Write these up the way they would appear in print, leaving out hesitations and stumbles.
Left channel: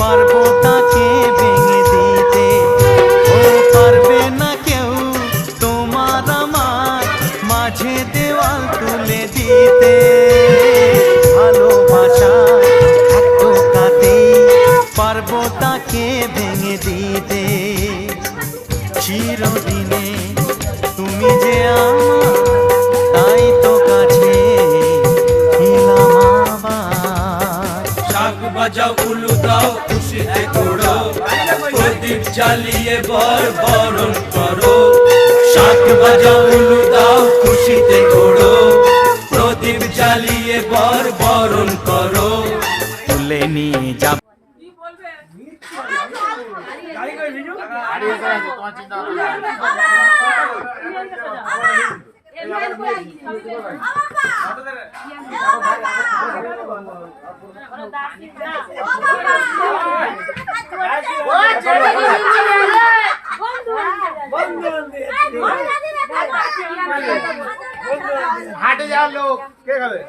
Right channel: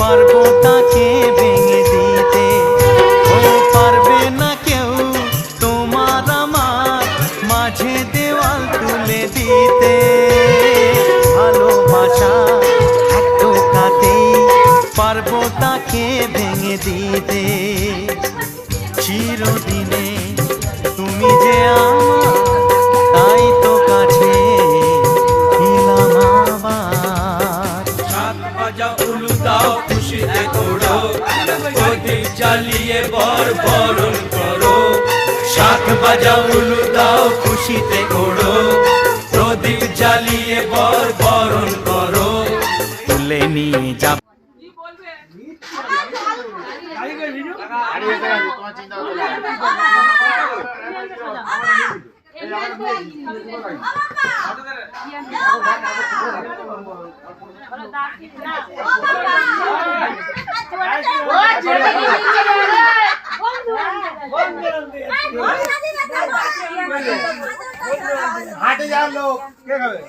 পারবো তাকে ভেঙে দিতে। ও পারবে না কেউ তোমার আমার মাঝে দেওয়াল তুলে দিতে। ভালোবাসা এক টোকাতেই পারবো তাকে ভেঙে দিতে। চিরদিনে তুমি যে আমার, তাই তো কাছে এলাম আবার। শাক বাজাও উলু দাও খুশিতে ঘোরো, প্রদীপ জ্বালিয়ে বরণ করো। শাক বাজাও উলু দাও খুশিতে ঘোরো, প্রদীপ জ্বালিয়ে বরণ করো। তুলে নিয়ে যাব। হাটে যাওয়ার লোক কে খাবে?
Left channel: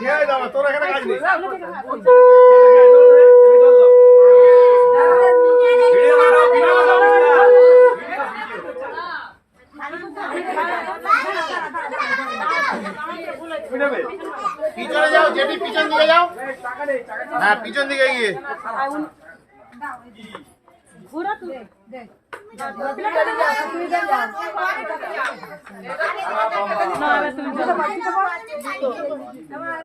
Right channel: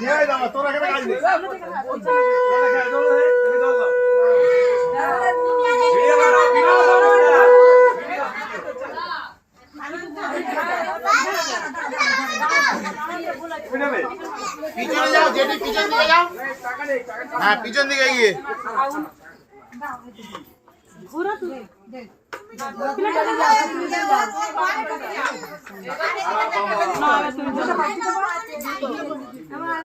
খেয়ে যাবো, তোর এখানে কাজ নেই। পিছনে যাও, যেটি পিছন দিকে যাও। হ্যাঁ, পিছন দিকে গিয়ে ঘোরা তুই দেখ